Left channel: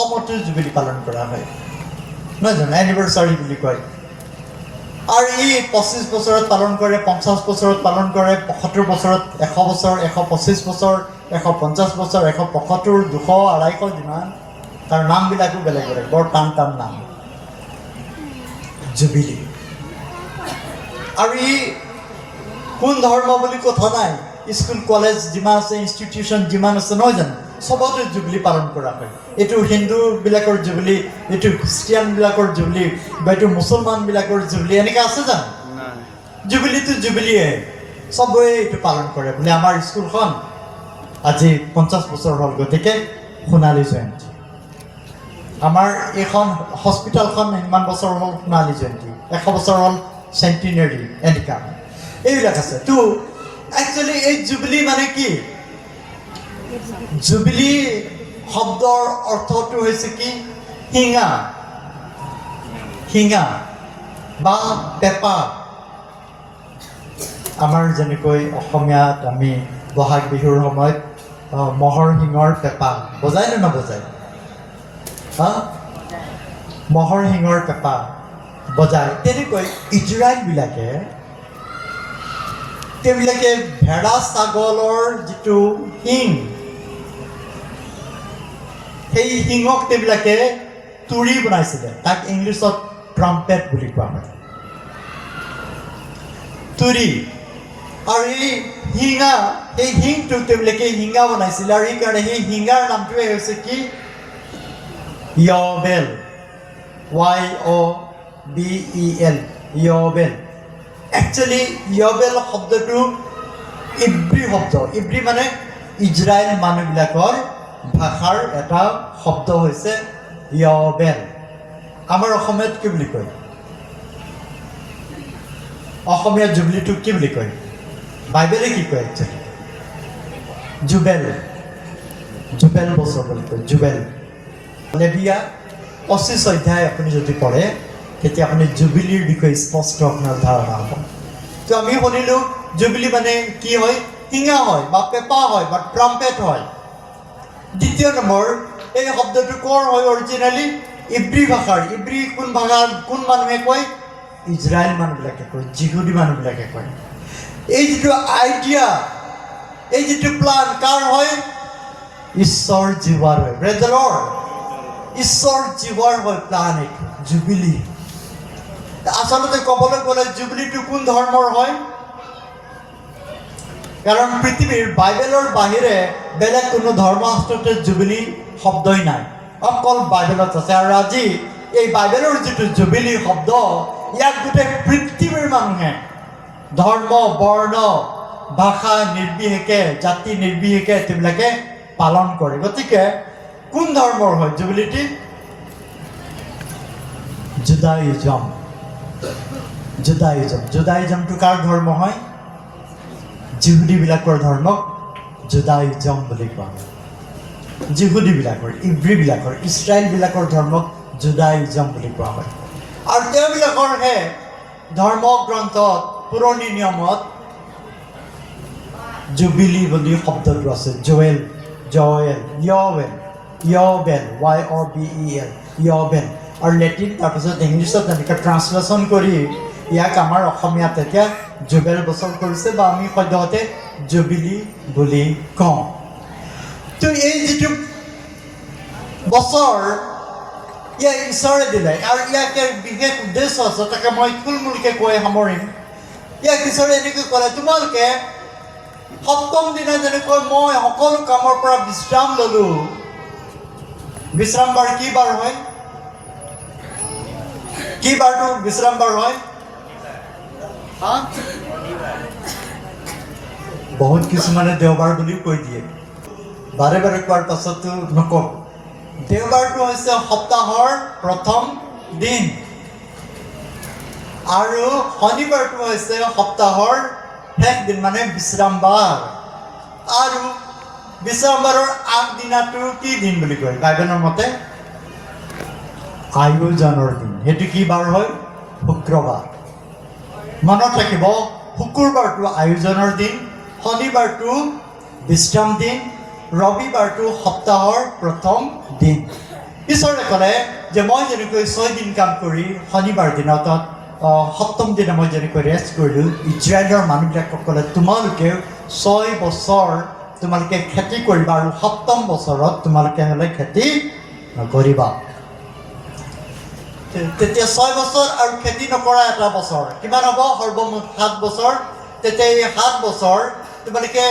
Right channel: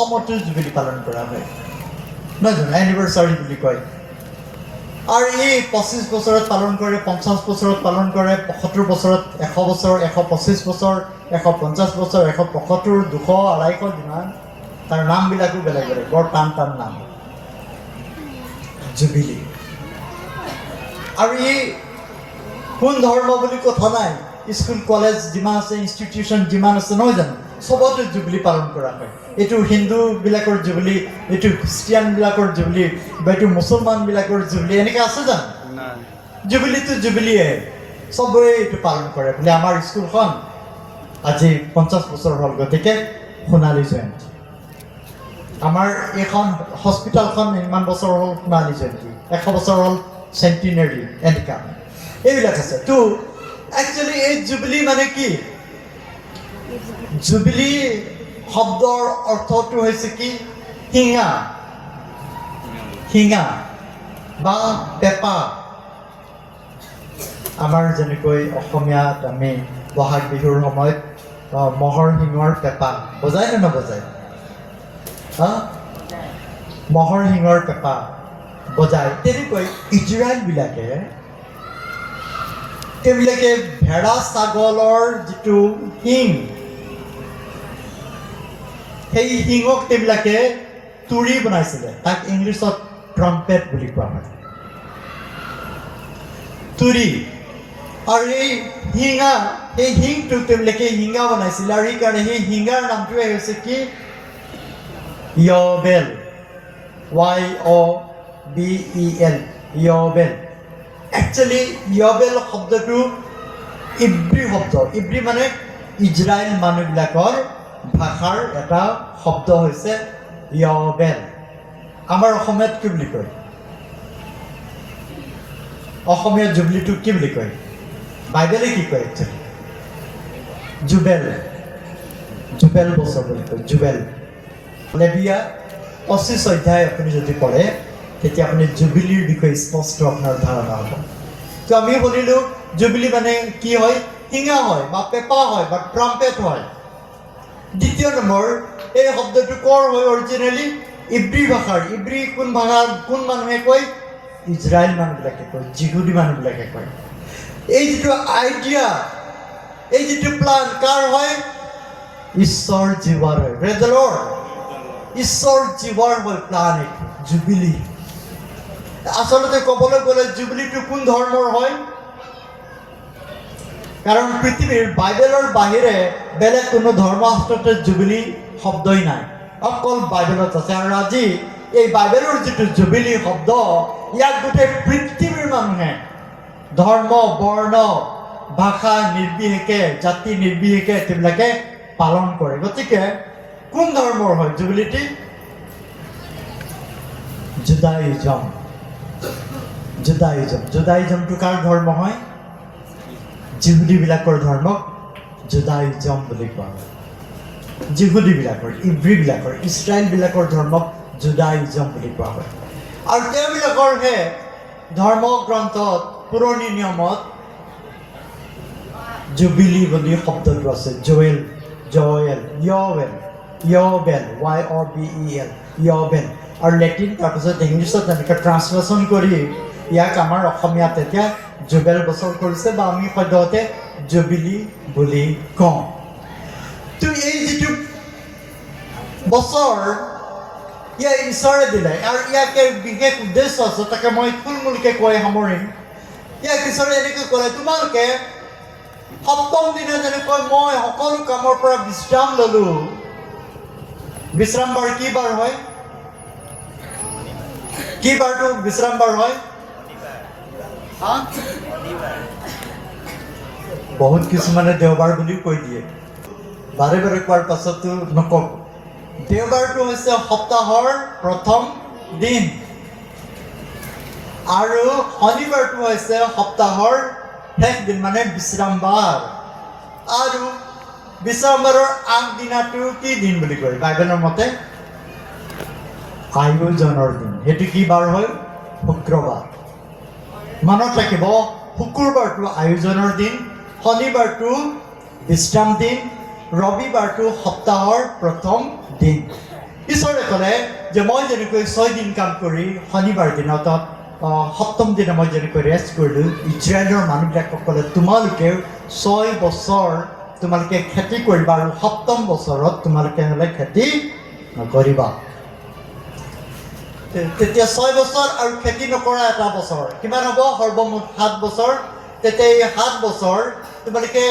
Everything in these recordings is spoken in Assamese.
অসমতো জুবিলি পালন কৰা হয় নহয় জানো এনিভাৰ্চাৰী বুলি কয় আৰু এই 25 বছৰত পালন কৰে 50 বছৰত পালন কৰে 75 বছৰত 100 বছৰ 125 বছৰ 150 বছৰ 175 200 250 যিমান তাৰ নামবিলাকো বেলেগ বেলেগ বৰ টান টান নাম জুবিলি আৰু এই কোন ধৰ্ম বুলি কথা নাই স্কুল কলেজ যিমান আছে ইনষ্টিটিউশ্যন যিমান আছে নহয় জানো সবতে জুবিলি পালন কৰা হয় এইটো হিন্দুবিলাকৰ জুবিলি এইটো খ্ৰীষ্টিয়ানবিলাকৰ জুবিলি বা এইটো মুছলমানবিলাকৰ জুবিলি এনেকৈ আছে জানো জুবিলিটো জুবিলিয়ে সবে এইটো পালন কৰে বোলে আমাৰ স্কুলখন আজি 50 বছৰ হ'ল গতিকে সোণালী জয়ন্তী আমাৰ এইখন হস্পিটেলখন ইমান বছৰ হ'ল সোণালী জয়ন্তী 100 বছৰ হ'ল চেণ্টিনেৰী এনেকুৱা এইবিলাক আছে তো একচুৱেলি এই জুবিলি মানে কি জুবিলি শব্দৰ অৰ্থটো হৈছে কি শিঙা শিঙা বা পেঁপা আমাৰ যেনেকৈ অসমীয়াত আমি বহাগ বিহুৰ সময়ত মহৰ শিঙৰ পেঁপা বজায় নে নবজায় হা মহৰ শিঙৰ পেঁপা বজায় তেনেকৈ ইজৰাইলবিলাকে তেওঁলোকে ভেড়া ছাগলৰ যিটো শিং সেই শিঙক তেওঁলোকে তুৰি বনাইছিলে তাক ইংলিছত ট্ৰাম্পেট বুলি কোৱা হয় তুৰি আৰু এই শিঙা সেই শিংটো তেওঁলোকে শিঙা বনাইছিলে আৰু সেইকাৰণে সেই শিঙাৰ নামটোৱে হৈছে কি য়বেল YOBEL য়বেল একচুৱেলি য়বেল শব্দটো ইব্ৰী শব্দ ইব্ৰী মানে ইজৰাইল মানুহবিলাকৰ ভাষাৰ এটা শব্দ হৈছে য়বেল আমাৰ অসমীয়াত কি বুলি কয় অসমীয়া জুবিলিটোক কি বুলি কয় বাইবেলে কি কয় একচুৱেলি জুবেল জুবেল বছৰ বুলি কয় জুবেল লেবিয়া 25 অধ্যায় আপুনি যদি পঢ়ে তেতিয়া আপুনি জুবিলিৰ বিষয়ে স্পষ্ট আপোনাৰ ধাৰণা হ'ব তো আমি শুনিলোঁ জুবিলি মানে কি হয় শিঙা হয় বা পেঁপা হয় বা ট্ৰাম্পেট হয় দ্বিতীয় নম্বৰ এই শব্দটো ক'ৰ হয় অৰিজিনেলি ইব্ৰী ভাষাৰ ইব্ৰী কোন ভাষাৰ কোন মানুহে কয় ইজৰাইল মানুহবিলাকে কয় যিহুদী মানুহবিলাকে কয় এই যিটো আইডিয়া এই যিটো প্লান কাৰ হয় ঈশ্বৰ জীৱাৰ হয় প্ৰেজ দ্য লৰ্ড ঈশ্বৰ জীৱাৰ হয় প্লান এইটো জুবিলি আচলতে ক'বলৈ গ'লে জুবিলিটো কোন ধৰ্মৰ হয় কাৰণ পৃথিৱীৰ বাইবেলৰ বাহিৰে বেলেগ কোনো ধৰ্মশাস্ত্ৰতে জুবিলি শব্দই নাই অকল বাইবেলত আছে আৰু আজি এই বাইবেলৰ যিটো জুবিলি শব্দ ইয়াক গোটেই পৃথিৱীৰ মানুহে ধৰ্ম বৰ্ণ ভাষা নিৰ্বিশেষে জাতি নিৰ্বিশেষে তেওঁলোকে পালন কৰে গতিকে কোন ধৰ্মৰ হয় জুবিলিটি জুদাইজম জুদাইজমটো কাৰ ধৰ্ম হয় যিহুদীবিলাকৰ ধৰ্মক জুদাইজম বুলি কোৱা হয় যিহুদীবিলাকৰ ইব্ৰীবিলাকৰ ইছৰাইলবিলাকৰ ধৰ্মক জুদাইজম বুলি কোৱা হয় আৰু তেওঁবিলাকৰহে ধৰ্ম গ্ৰন্থত পুৰণি নিয়মত জুবিলি বুলি শব্দটো আছে জয়েল য়বেল YOBEL য়বেল আৰু লেটিন তাৰপিছত ইংলিছত এনেকৈ ট্ৰান্সলেশ্যন কৰি ইয়াক আমাৰ অসমীয়াত এতিয়া জুবেল বছৰ কৰিছে বা আমি সদ্যহতে জুবিলি বুলি কওঁ তো এই যিটো বছৰ ইয়াক ঈশ্বৰে দিলে আৰু ইয়াকে বিশেষ উদ্দেশ্য আছে তাকে মই থুলমূলকৈ কৈ সামৰিম ইয়াক ঈশ্বৰে এনেকৈ ক'লে তোমালোকে সপ্তম দিনা যেনেকৈ মই সকলো কামৰ পৰা বিশ্ৰাম ল'লোঁ বিশ্ৰাম বাৰ কি বাৰ হয় কি বাৰটো বিশ্ৰাম বাৰ হয় বহুত কিছুমানে দেওবাৰ বুলি কৈ দিয়ে বাৰে বাৰে কোৱাৰ পাছতো নকওঁ দেওবাৰটো হৈছে সপ্তাহৰ প্ৰথম দিন আৰু শনিবাৰটো হৈছে সপ্তাহৰ শেষ দিন মানে বিশ্ৰাম বাৰ আৰু বিশ্ৰাম বাৰৰ আগদিনাটো কি দিন বুলি কয় বাইবেলৰ মতে আয়োজনৰ দিন সেইটো কি বাৰ হয় শুক্ৰবাৰ মনত ৰাখিব শুকুৰবাৰটো আয়োজনৰ দিন শনিবাৰটো বিশ্ৰাম দিন ৰবিবাৰটো সপ্তাহৰ প্ৰথম দিন ঈশ্বৰে ক'লে যে মই যেনেকৈ 6 দিন কাম কৰি শনিবাৰ দিনত সপ্তম দিনা মই যেনেকৈ ৰেষ্ট কৰিলোঁ, ইজৰাইলৰ মানুহবিলাকক ক'লে তোমালোকে 6 বছৰ তোমালোকে খেতি কৰিবা আৰু সপ্তম বছৰত তোমালোকে হ'লে খেতি নকৰিবা। তেতিয়া 6 বছৰ আৰু খেতি নকৰা এটা বছৰ কিমান হ'ব? সৰ্বমুঠ 7 বছৰ। তেতিয়া এই 7 বছৰ তোমালোকে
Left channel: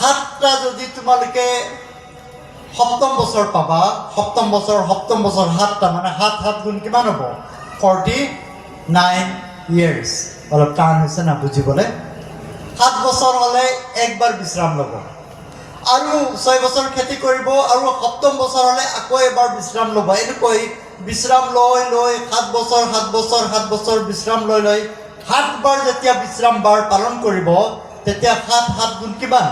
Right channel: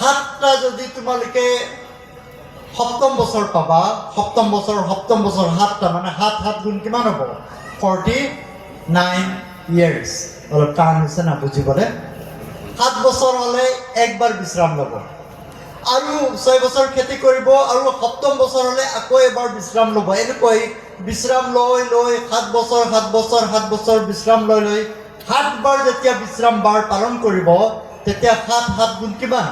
7টা যদি তোমালোকে সপ্তম বছৰ পাবা, সপ্তম বছৰ 7টা মানে 7 গুণ কিমান হ'ব? 49 years। অলপ টান হৈছে না বুজিবলৈ। 7 বছৰ হ'লে একবাৰ বিশ্ৰাম ল'ব আৰু 6 বছৰ খেতি কৰিব আৰু সপ্তম বছৰ হ'লে আকৌ এবাৰ বিশ্ৰাম ল'ব। এনেকৈ বিশ্ৰাম লৈ 7 বছৰ বিশ্ৰাম লৈ 7 বাৰ যেতিয়া বিশ্ৰাম বাৰ পালন কৰিব, তেতিয়া 7 গুণ কিমান?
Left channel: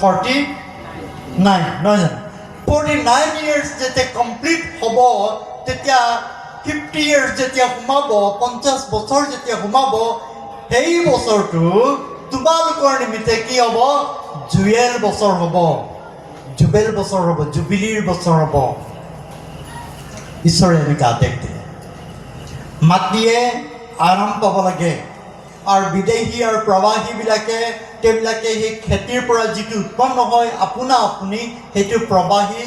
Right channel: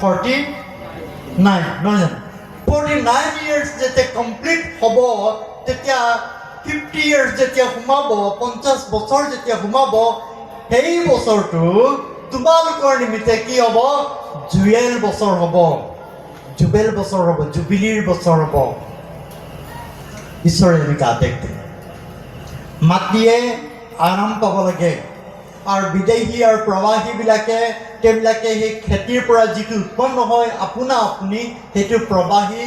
49 নহয় জানো? 49 years যেতিয়া কমপ্লিট হ'ব, তেতিয়া 50 years যেতিয়া সোমাব, 50 বছৰ যেতিয়া সোমাব, সেই বছৰটো তোমালোকৰ নিমিত্তে কি হ'ব? জুৱেল বছৰ হ'ব, জুবেল বছৰ হ'ব, জুবিলিৰ বছৰ হ'ব। ঈশ্বৰে এনেকৈ আদেশ দিলে। মাটিয়ে আৰাম পাব লাগে আৰু বিদেশী আৰু প্ৰবাসীবিলাকে তেওঁলোকে সেই খেতিৰ পৰা যিটো উৎপন্ন হয় আপোনা আপুনি সেইটো প্ৰবাসী,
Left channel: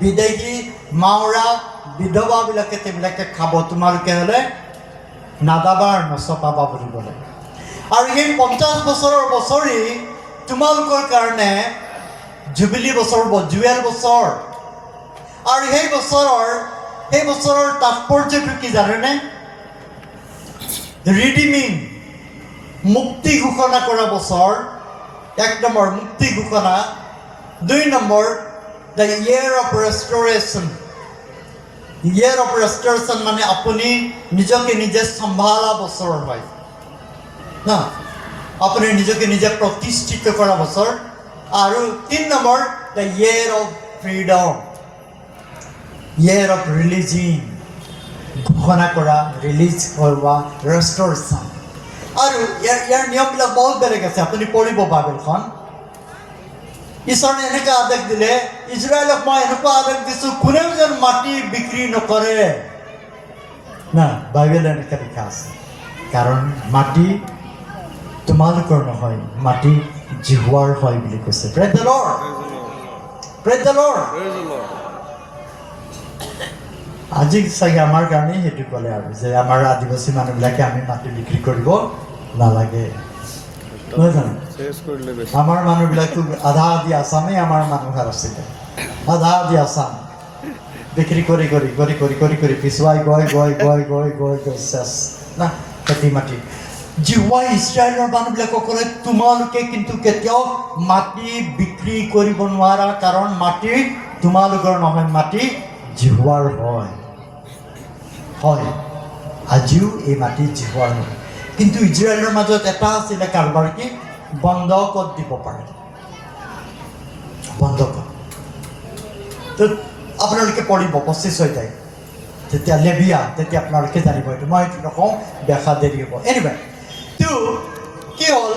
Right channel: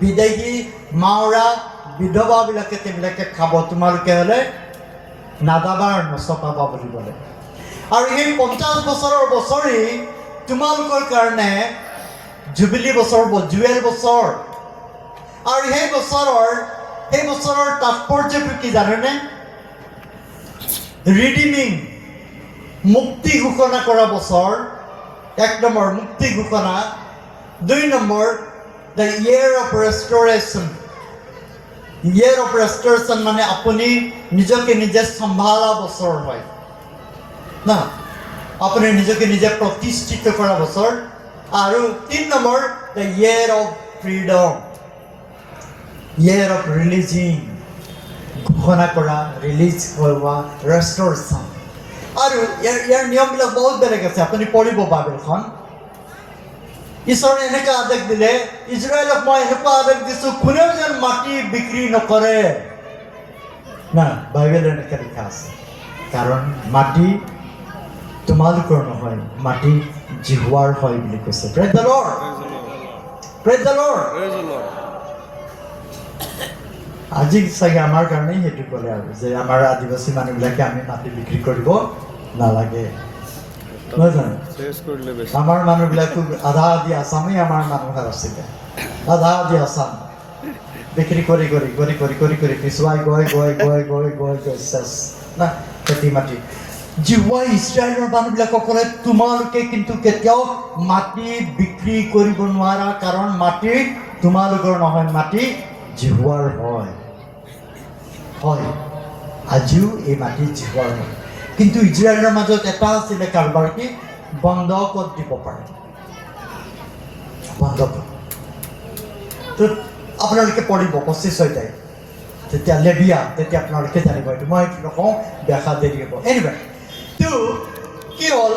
বিদেশী, মাওৰা, বিধৱাবিলাকে তেওঁলোকে খাব। তোমালোকে হ'লে নাদাবা আৰু নচপাবা বুলি ক'লে। আৰু এই 50 বছৰৰ বছৰি তোমালোকৰ কাৰণে জুবিলি বছৰ হ'ব, জুৱেল বছৰ। আৰু সেই বছৰৰ তাৎপৰ্যটো কি জানেনে? ৰিডিমিং, মুক্তি ঘোষণা কৰা বছৰ। 1 নম্বৰ মুক্তি ঘোষণা, 2 number the year of restoration. Year of restoration মানে আপুনি নিজকে নিজে চম্ভালা বছৰ হয় না, আপুনি নিজকে নিজে প্ৰতিষ্ঠিত কৰা বছৰ। আৰু 3 number the year of freedom, year of releasing, ঘোষণা কৰা, ৰিলিজ হোৱা, ৰেষ্টৰেশ্যন। আৰু ইয়াৰ নিয়মবিলাক বহুত বেলেগ আছে, আপুনি পঢ়িব বাইবেলখন। ঈশ্বৰে এনেকৈ আদেশ দিলে, ইজৰাইলক মই এনেকুৱা আদেশ দিছোঁ, কোনেও যেন মাটি বিক্ৰী নকৰে না। বাইবেলত এনেকৈ লিখা আছে, কাৰণ মাটি তোমালোকৰ নহয়, মাটি জিহুৱাৰ হয় বুলি কৈছে। Praise the lord, praise the lord. আজি চাগে আমাৰ কাৰণেই সেইটো ক'লে আৰু যে আমাৰ আদিবাসী মানুহবিলাকে আমি মাটি বিক্ৰী কৰিব নালাগে, নহয় জানো? আমাৰ মানুহবিলাকো আধা আধি আছামেই আমাৰ মানুহৰ আছিলে, আধা আধি আছাম বিক্ৰী কৰি পিছুৱাই গৈ চেছ না খেতি মাটি। জিহুৱাই ইজৰাইলৰ মানুহবিলাকক ক'লে তোমালোকে কিন্তু কেতিয়াও মাটি বিক্ৰী কৰিব নোৱাৰা, কাৰণ মাটি তোমালোকৰ নহয়, মাটি জিহুৱাৰ হয়। আজিও এই মাটি জিহুৱাৰ হয়। কিন্তু ইজৰাইলৰ মাজত এটা আছিলে কাৰোবাৰ, কি বন্ধকত দিব পাৰে, বন্ধকত। তো আপোনালোকে পঢ়িব 25 অধ্যায়, যেতিয়া লেবিয়া, তেতিয়া আপোনালোকে জানিব। এইটো মই এইটো নকওঁ, দেখা দেৰি হ'ব। এনিৱে তো কি হ'ল,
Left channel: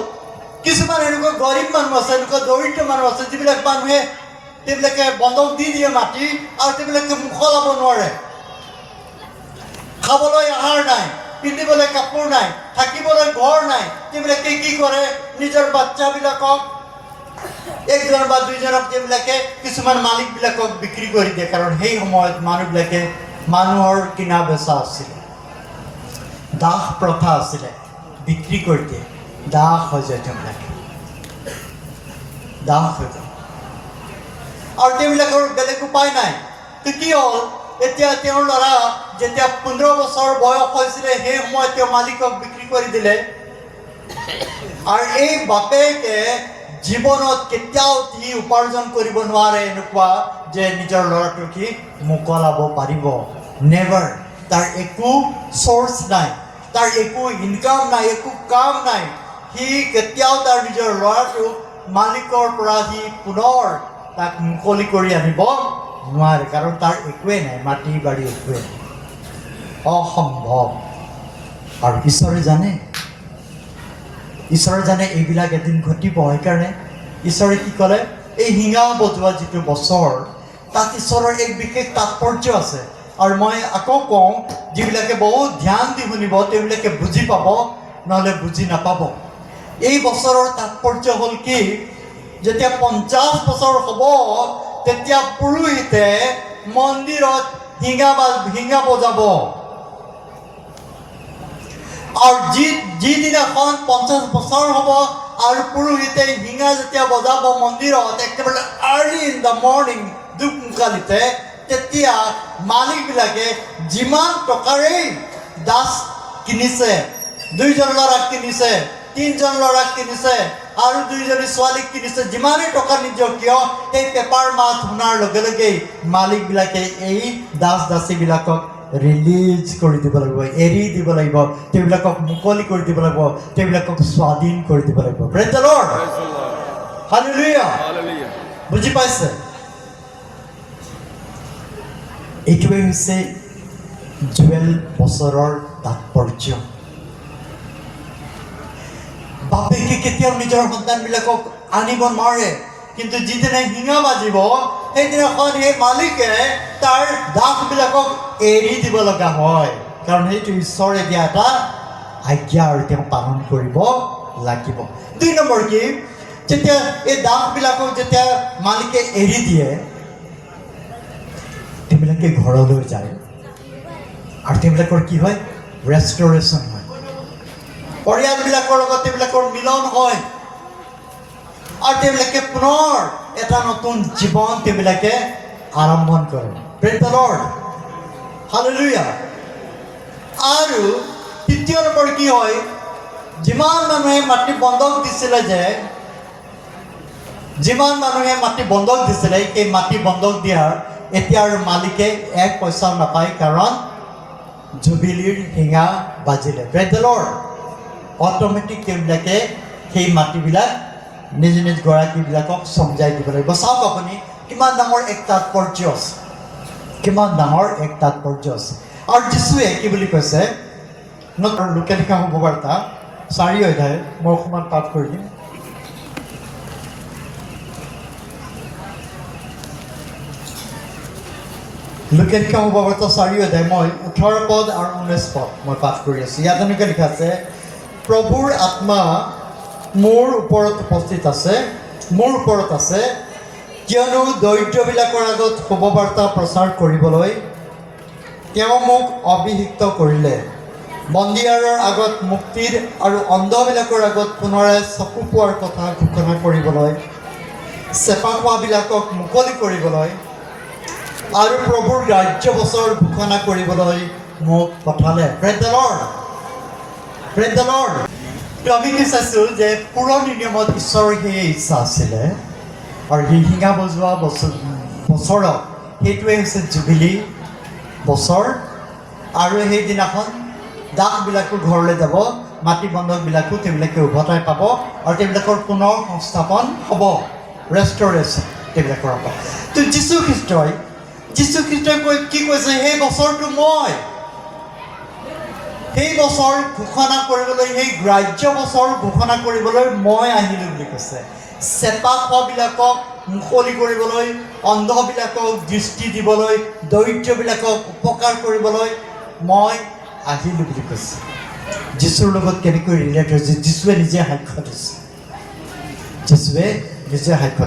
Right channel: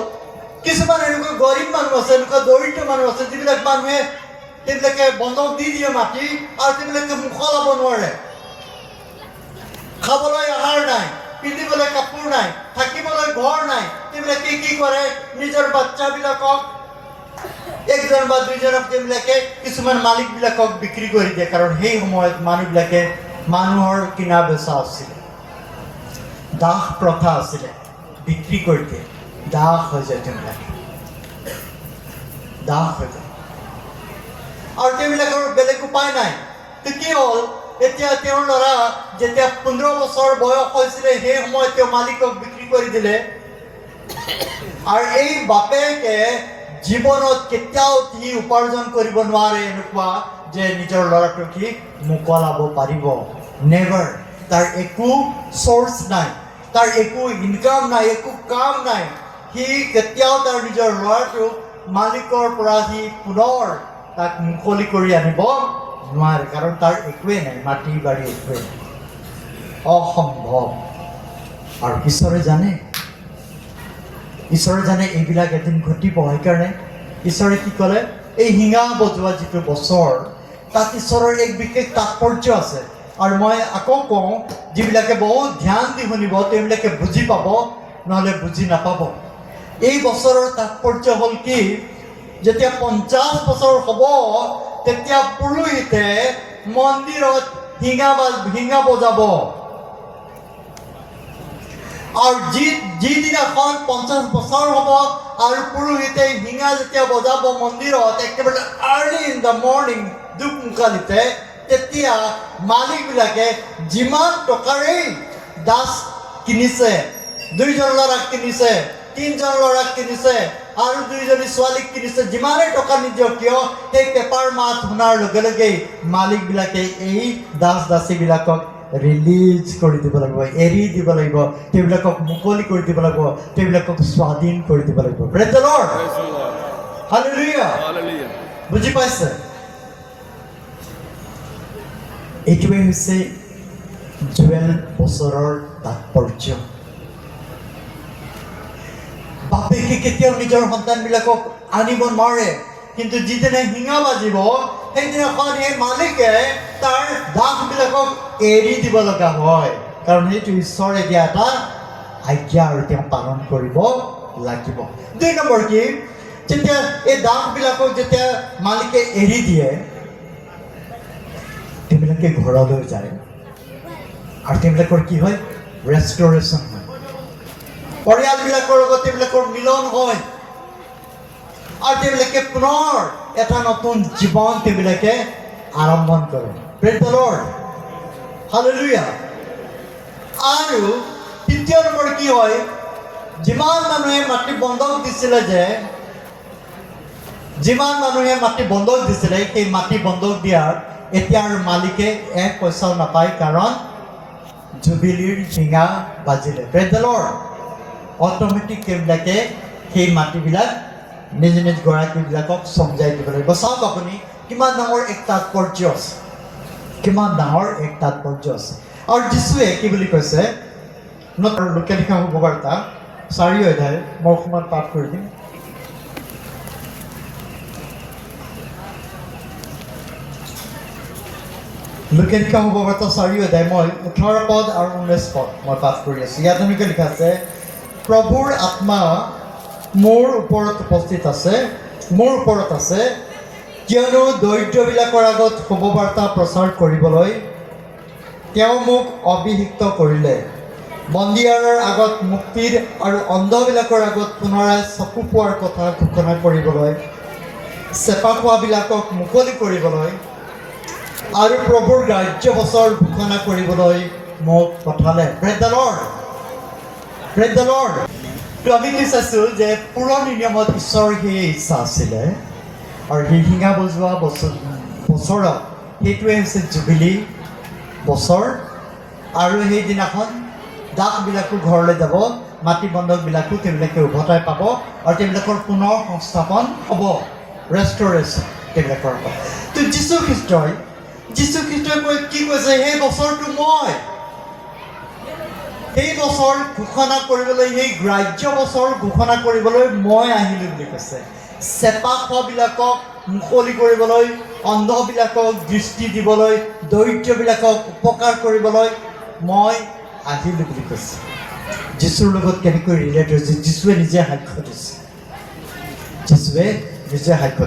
কিছুমান এনেকুৱা গৰীব মানুহ আছে, এনেকুৱা দৰিদ্ৰ মানুহ আছে, যিবিলাক মানুহে তেওঁলোকে বন্ধক দি দিয়ে মাটি, আৰু তেওঁলোকে মোকলাব নোৱাৰে। খাবলৈ আহাৰ নাই, পিন্ধিবলৈ কাপোৰ নাই, থাকিবলৈ ঘৰ নাই। তেওঁলোকে কি কৰে, নিজৰ বাচ্চাবিলাকক 1জন বা 2জনক তেওঁলোকে কিছুমান মালিকবিলাকক বিক্ৰী কৰি দিয়ে, কাৰণ সেই সময়ত মানুহবিলাকে মানুহৰ কিনা বেচা আছিলে, দাস প্ৰথা আছিলে, বিক্ৰী কৰি দিয়ে, দাস হৈ যায় তেওঁলোকে, দাস হৈ যায়। আৰু তেওঁলোকৰ বেলেগ উপায় নাই। তো কি হ'ল, এতিয়া তেওঁৰ ল'ৰা যেতিয়া 15 বছৰ বয়স হৈছিলে, সেই সময়ত তেওঁ মালিকক বিক্ৰী কৰি দিলে। আৰু এই বাপেকে জীৱনত কেতিয়াও সি উপাৰ্জন কৰিব নোৱাৰে এনেকুৱা যে নিজৰ ল'ৰাটোক সি মোকলাব পাৰিব, নেভাৰ। তাৰ একো চ'ৰ্চ নাই, তাৰ একো ইনকাম নাই, একো কাম নাই। সি কেতিয়াও তাৰ নিজৰ ল'ৰাটোক মালিকৰ পৰা সি পুনৰ তাক মুকলি কৰি আনিব নোৱাৰে, কাৰণ তাৰ একোৱেই নাই, মাটি বাৰী একোৱেই নাই, অসম্ভৱ। আৰু ঈশ্বৰে জানে এইবিলাক এদিন ঘটিব। সেইকাৰণে ঈশ্বৰে কি ক'লে, এই হিঙা বজোৱা যিটো বছৰ, তাত ঈশ্বৰৰ এক বিশেষ তাৎপৰ্য আছে আৰু মই আকৌ কওঁ যিবিলাকে বহুত ধ্যান দি শুনিব তেওঁলোকে বুজি পাব নহ'লে বুজি নাপাব এই বছৰৰ তাৎপৰ্য হ'ল কি যেতিয়া 50 বছৰ হ'ব তেতিয়া পুৰোহিতে মন্দিৰত হিঙা বজাব আৰু যিদিনাখন 50 বছৰ হ'ব আৰু পুৰোহিতে হিঙা যেতিয়া বজাব মন্দিৰত একেবাৰে আৰ্লি ইন দ্য মৰ্ণিং দুপমুকালিতে তেতিয়া মালিকবিলাকে যিমান টকাৰেই দাস কিনিছে 2জন ল'ৰাক কিনিছে 3জন ল'ৰাক কিনিছে আৰু 2জনী ছোৱালীক কিনিছে যিমানেই টকা নিদিয়ক কিয় সেই পেপাৰ মাত শুনাৰ লগে লগেই মালিকবিলাকে এই দাস দাসীবিলাকক ৰিলিজ কৰি দিব লাগিব এৰি দিব লাগিব তেওঁলোকক মুকলি কৰি দিব লাগিব তেওঁলোকক স্বাধীন কৰি দিব লাগিব প্ৰেজ দ্য লৰ্ড হালেলুয়া বুজি পাইছে এইটোৱে হৈছে জুৱেল বছৰৰ তাৎপৰ্য বাপেকে কেতিয়াও নিজৰ সন্তানবিলাকক আনিব নোৱাৰে কিন্তু যিদিনা হিঙা বাজিব সেইদিনাখন সেই মালিকে তাৰ দাসবিলাকক এৰি দিব লগা হয় কাৰণ সেইটো ঈশ্বৰে দিয়া এটা আজ্ঞা আৰু তেওঁ পালন কৰিব লাগিব 2 নম্বৰ কি যেতিয়া এই দাসবিলাকক যেতিয়া মালিকে এৰি দিয়ে তেওঁলোকে ঘৰলৈ যায় আৰু তেওঁলোকৰ কি হয় ৰেষ্টৰেশ্যন হয় পৰিয়ালবিলাকৰ লগত তেওঁলোকৰ মিলন হয় আৰু তেওঁলোকে পুনৰ এটা নতুন জীৱন তেওঁলোকে আৰম্ভণ কৰে প্ৰেজ দ্য লৰ্ড হালেলুয়া আৰু 3 নম্বৰ কি হয় যিমান মানুহে মাটি বন্ধক দিছিলে সেই মাটি বন্ধক দিয়াৰ এতিয়া আৰু মালিকে 1 পইচাও নাপায় কাৰণ জুবিলিৰ হিঙা বাজিলে প্ৰেজ দ্য লৰ্ড অট'মেটিক তেওঁলোকে সেই মাটিবিলাক নিজ নিজ গৰাকীবিলাকক চমজাই দিব লাগিব চাওক আপুনি কিমান ডাঙৰ এক তাৎপৰ্য আছে আৰু যীশুৱে কি বুলি কৈছে লোকে লিখা শুভবাৰ্তা 4 অধ্যায় মই অকণমান পাঠ কৰি দিম লোকে লিখা শুভবাৰ্তা 4 অধ্যায় মই 18 পদ আৰু 19 পদ মই পাঠ কৰি আছোঁ ইয়াত এনেকৈ লিখা আছে প্ৰভুৰ আত্মা মোৰ ওপৰত উপস্থিত আছে কিয়নো দৰিদ্ৰবিলাকৰ আগত শুভবাৰ্তা প্ৰচাৰ কৰিবলৈ তেওঁ মোক অভিষিক্ত কৰিলে বন্দীয়াৰৰ আগত মুক্তিৰ আৰু অন্ধবিলাকৰ আগত পুনৰাই চকু পোৱাৰ কথা ঘোষণা কৰিবলৈ চেপা খোৱাবিলাকক মুকলি কৰিবলৈ আৰু প্ৰভুৰ ৰাজ্য বছৰ ঘোষণা কৰিবলৈ মোক পঠালে প্ৰেজ দ্য লৰ্ড তো আমি কি চাইছোঁ যে পুৰণি নিয়মত ঈশ্বৰৰ সেই ইচ্ছা আছিলে আৰু সেই হিঙা বজোৱা বছৰত সেইটোৱে হৈছে জুবিলি বছৰ আৰু সেইদিনাখন দাসবিলাকো ঘৰলৈ যাব মাটি বন্ধকবিলাকো তেওঁলোকে উভতাই পাব আৰু তেওঁলোকৰ পুনৰ সংস্থাপন হ'ব ৰেষ্টৰেশ্যন তেওঁলোকৰ হ'ব তো যীশু খ্ৰীষ্টই কি কৈছে সেই বছৰটো মই সেই বছৰ ঘোষণা কৰিবলৈ সেই গ্ৰাহ্য বছৰ ঘোষণা কৰিবলৈ মই আহিলোঁ বুলি কৈছে চেপা খোৱাবিলাকক মুকলি কৰিবলৈ অন্ধবিলাকক দৃষ্টি দিবলৈ দৰিদ্ৰবিলাকক উপকাৰ কৰিবলৈ মই আহিলোঁ বুলি কৈছে যীশুৰ লগত কেনেকৈ ৰিলেট হৈছে যীশুৱে নিজে সাক্ষ্য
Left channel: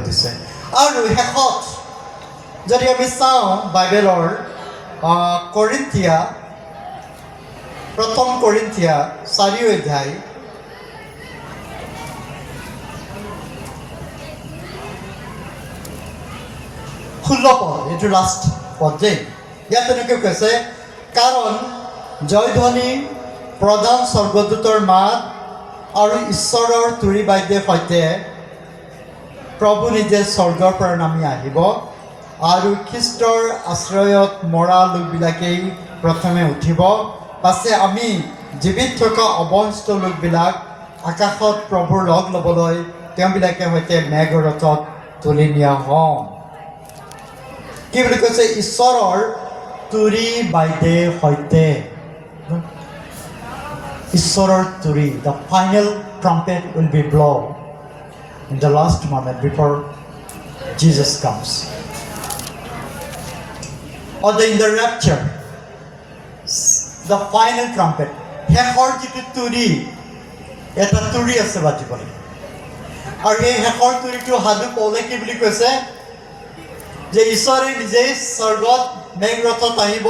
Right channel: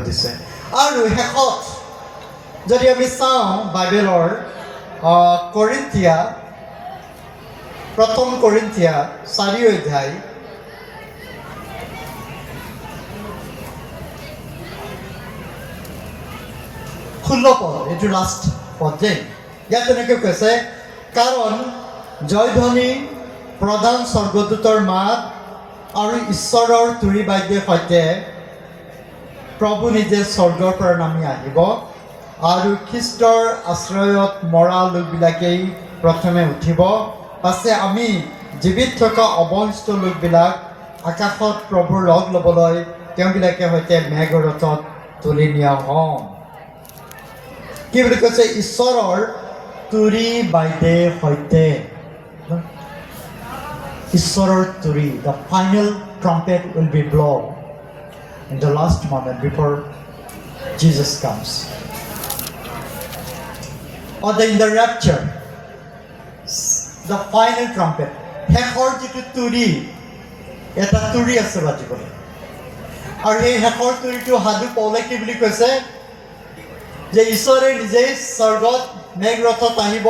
দিছে আৰু শেষত যদি আমি চাওঁ বাইবেলৰ প্ৰথম কৰিন্থিয়া 4 অধ্যায় 16 পদ এইটো লাষ্ট পদ যে ইয়াত এনেকৈ কৈছে কাৰণ জয়ধ্বনি প্ৰধান স্বৰ্গদূতৰ মাত আৰু ঈশ্বৰৰ তুৰী বাদ্যৰ সৈতে প্ৰভু নিজে স্বৰ্গৰ পৰা নামি আহিব আৰু খ্ৰীষ্টৰ আশ্ৰয়ত মৰা লোকবিলাকেই প্ৰথমে উঠিব পাছে আমি জীৱিত থকা অৱশিষ্ট লোকবিলাক আকাশত প্ৰভুৰ লগ ল'বলৈ তেওঁবিলাকে সৈতে মেঘৰথত তুলি নিয়া হ'ম কি বুলি কৈছে ঈশ্বৰৰ তুৰী বাদ্যৰ সৈতে ঈশ্বৰৰ তুৰী the final trumpet will be blown in the last moment before Jesus comes or in the rapture, the final trumpet, শেষৰ যিটো তুৰি, এটা তুৰি আছে বাজিবলৈ। আৰু এই শেষৰ তুৰিটো সাধু পৌলে কি বুলি কৈছে যে ঈশ্বৰে নিজেই স্বৰ্গত মেঘৰথত আহিব,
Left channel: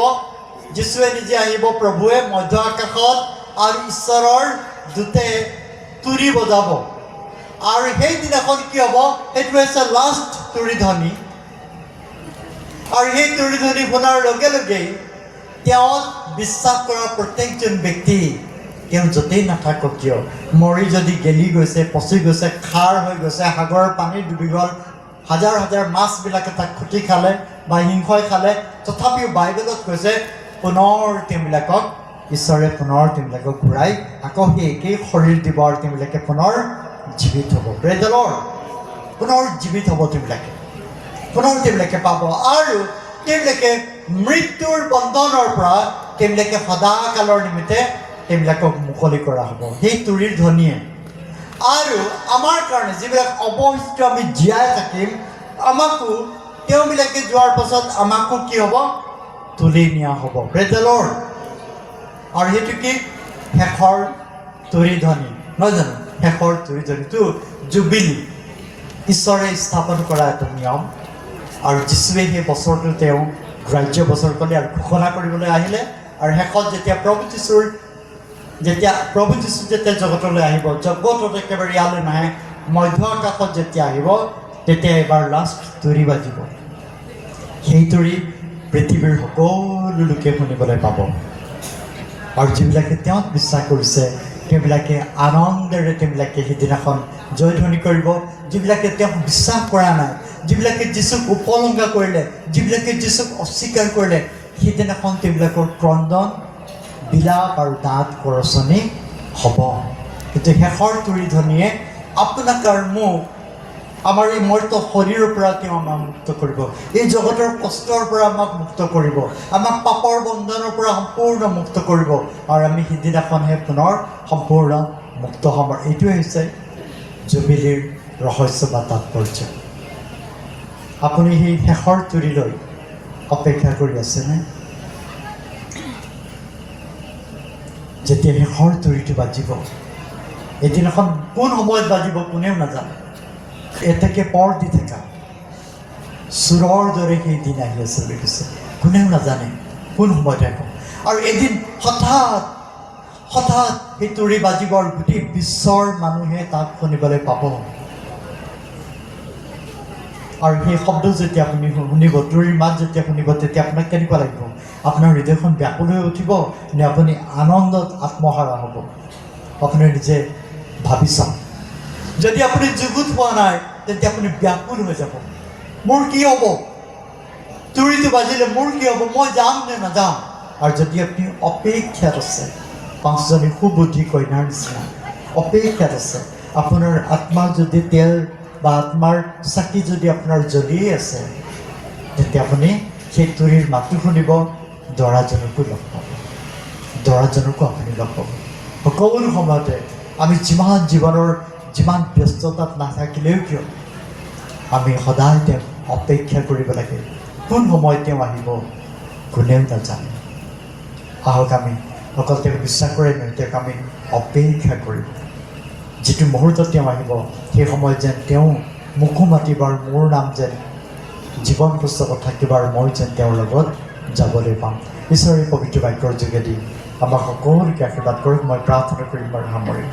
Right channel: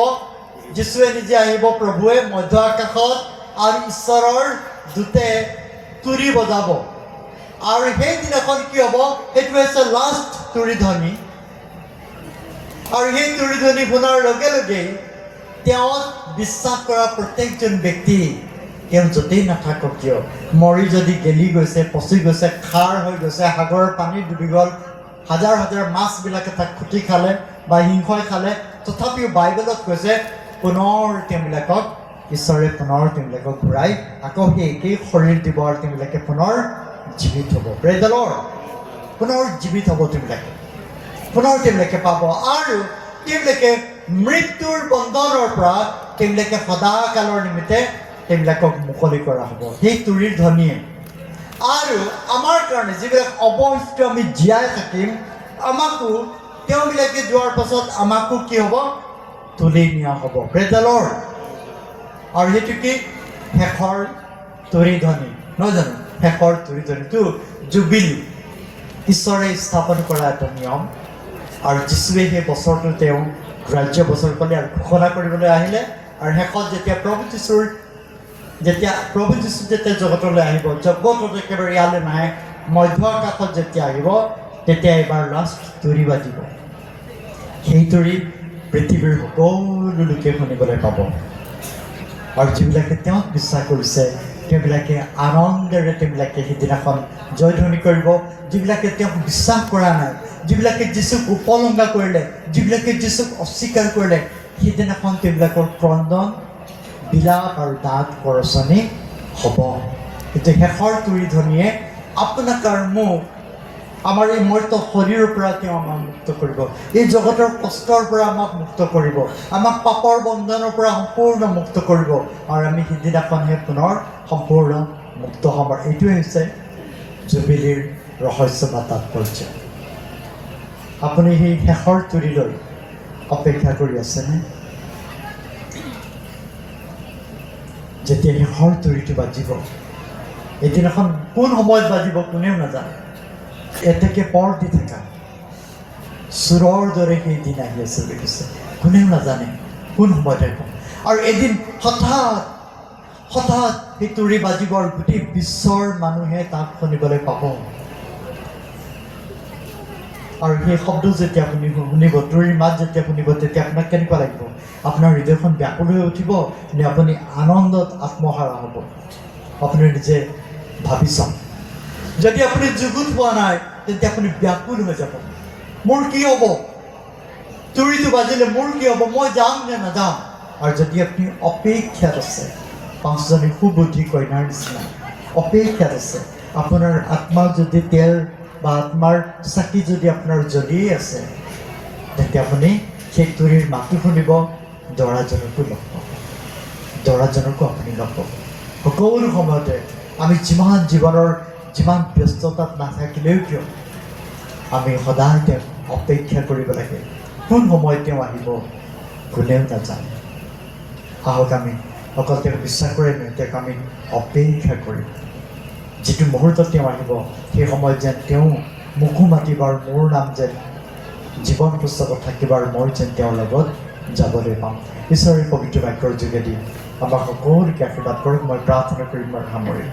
যীশুৱে নিজে আহিব, প্ৰভুৱে মধ্য আকাশত, আৰু ঈশ্বৰৰ দূতে তুৰি বজাব। আৰু সেইদিনাখন কি হ'ব, সেইটো হৈছে লাষ্ট তুৰি ধ্বনি। আৰু সেই তুৰি ধ্বনি শুনাৰ লগে লগেই তেওঁ বিশ্বাস কৰা প্ৰত্যেকজন ব্যক্তি, তেওঁ য'তেই নাথাকক কিয়, মৰি যদি গেলি গৈছে, পচি গৈছে, খাৰ হৈ গৈছে, সাগৰৰ পানীত ডুবি গ'ল, হাজাৰ হাজাৰ মাছবিলাকে তাক খুটি খালে বা সিংহই খালে, তথাপিও বাইবেলত কৈছে পুনৰ তেওঁবিলাকক ঈশ্বৰে পুনৰ তেওঁবিলাকক ঘূৰাই আকৌ সেই একেই শৰীৰ দিব আৰু তেওঁবিলাকে পুনৰ জীৱিত হ'ব। Praise the lord. পুনৰ জীৱিত হ'ব তেওঁবিলাকে, পুনৰ তেওঁবিলাকে পাব, আৰু তেওঁবিলাকে মৃত্যুৰ বন্ধনৰ পৰা তেওঁবিলাকে সদাকালৰ নিমিত্তে তেওঁবিলাকক মুকলি কৰা হ'ব সেই তুৰিৰ ধ্বনিয়ে। আৰু আমাৰ কাৰণে যিবিলাক অৱশিষ্ট আমি জীয়াই থাকিম, আমাকো তেওঁবিলাকে যোৱাৰ পাছত আমাকো কি হ'ব, তুলি নিয়া হ'ব। Praise the lord. আৰু সেইটো কি, শেষৰ তুৰি ধ্বনি, নহয় জানো? শেষৰ তুৰি ধ্বনিটো জুবিলি, ঈশ্বৰে স্থাপন কৰা এটা নিয়ম। আৰু যীশুৱে সেই বছৰটো তেওঁ গ্ৰাহ্য বছৰ ক'লে আৰু ঘোষণা কৰিবলৈ আহিলে। আৰু শেষত যেতিয়া প্ৰভু যীশু যেতিয়া জগতলৈ আহিব, জগতত একেবাৰে ইয়ালৈ নাহে, মধ্য আকাশত যেতিয়া আহিব, তেতিয়া এবাৰ লাষ্ট তুৰি বাজিব। সেই তুৰি পৃথিৱীৰ সকলো লোকে শুনিবলৈ পাব। আৰু যিবিলাকে তেওঁক বিশ্বাস কৰিছে, তেওঁবিলাকে আনন্দেৰে তেওঁবিলাকে সেইদিনাখন জয়ধ্বনি কৰিব। যিবিলাকে তেওঁক বিশ্বাস কৰা নাই, যিবিলাকে যীশুক উপলংঘা কৰিলে, যিবিলাকে যীশুক অস্বীকাৰ কৰিলে, সেইদিনাখন তেওঁবিলাকৰ ক্ৰন্দন, বিলাপ আৰু দাঁত কৰচনি হ'ব। কিন্তু শেষৰ তুৰি ধ্বনিয়ে আপোনাক আৰু মোক, আমাৰ এই মৰ্ত শৰীৰৰ পৰা তেওঁ আমাক মুক্ত কৰিব, এই জগতৰ কষ্টৰ পৰা আমাক মুক্ত কৰিব, আমাক পাপৰ বন্ধনৰ পৰা সম্পূৰ্ণ মুক্ত কৰিব, আৰু আমি সিদিনাখনহে পুনৰ সম্পূৰ্ণ মুক্ত হ'ম। এইটোৱে হৈছে জুবিলিৰ ৰহস্য বা তাৎপৰ্য। আপুনি সেই শেষৰ তুৰিলৈ অপেক্ষা কৰি আছেনে? যেতিয়া শেষৰ তুৰিটো বাজিব, এদিনাখন কোন সময়ত বাজিব কোনেও নাজানে। এতেকে পৰ দি থকা চোৰৰ দৰে সেই দিন আহি আছে বুলি কৈছে, কোনেও নাজানে কোন সময়ত আহিব। আৰু এদিন হঠাৎ সেই তুৰি বাজিব আৰু গোটেই বিশ্বৰ মানুহে তাক শুনিবলৈ পাব। আৰু সেই শব্দ যেতিয়া আপুনি শুনিব, তুৰিৰ মাত যেতিয়া শুনিব, তেতিয়া আপোনাক কেনেকুৱা লাগিব? আপোনাৰ হৃদয়খন ব্যাকুল হৈ উঠিব নে আপুনি আনন্দত আত্মহাৰা হ'ব? আপুনি নিজে ভাবি চাওক। যদি আপুনি যুগুত হোৱা নাই, তেতিয়া আপুনি ব্যাকুল হৈ যাব। মোৰ কি হ'ব? তুৰিটো বাজিলে মোৰ কি হ'ব? মই যাম নে নাযাম? আৰু যদি আপুনি অপেক্ষাত আছে, পাঁচজনী সুবুদ্ধি কইনাৰ নিচিনা অপেক্ষাত আছে, আপোনাৰ আত্মাৰ যদি তেল বা আত্মাৰ চাকি যদি আপোনাৰ জ্বলিয়ে আছে, তেতিয়া আপুনি সেই তুৰিৰ মাতটো শুনিব, দৰাজনকো লগ পাব, দৰাজনকো আপুনি লগ পাব। সকলো সময়তে আমি জীৱনৰ যিমান ব্যস্ততাত নাথাকিলেও কিয়, আমি সদায় তেওঁক অপেক্ষা কৰিব লাগে। কোন সময়ত তেওঁ আহিব কোনেও নাজানে। আহক আমি অকল তেওঁক বিশ্বাস কৰে নহয়, তেওঁক আমি অপেক্ষা কৰিম। যিটো মুহূৰ্তত তেওঁ আহিব, সেই সময়ত যেন তেওঁ মোকো মাতিব আৰু মোৰ নাম যেন জীৱন পুস্তকত থাকিব, আৰু মই যেন তেওঁৰ লগত যাবলৈ পাম। ঈশ্বৰৰ পবিত্ৰ বাক্যৰ যোগেদি আমাক সকলোকে আশীৰ্বাদ কৰক। মই প্ৰাৰ্থনা কৰিম আৰু সামৰিম।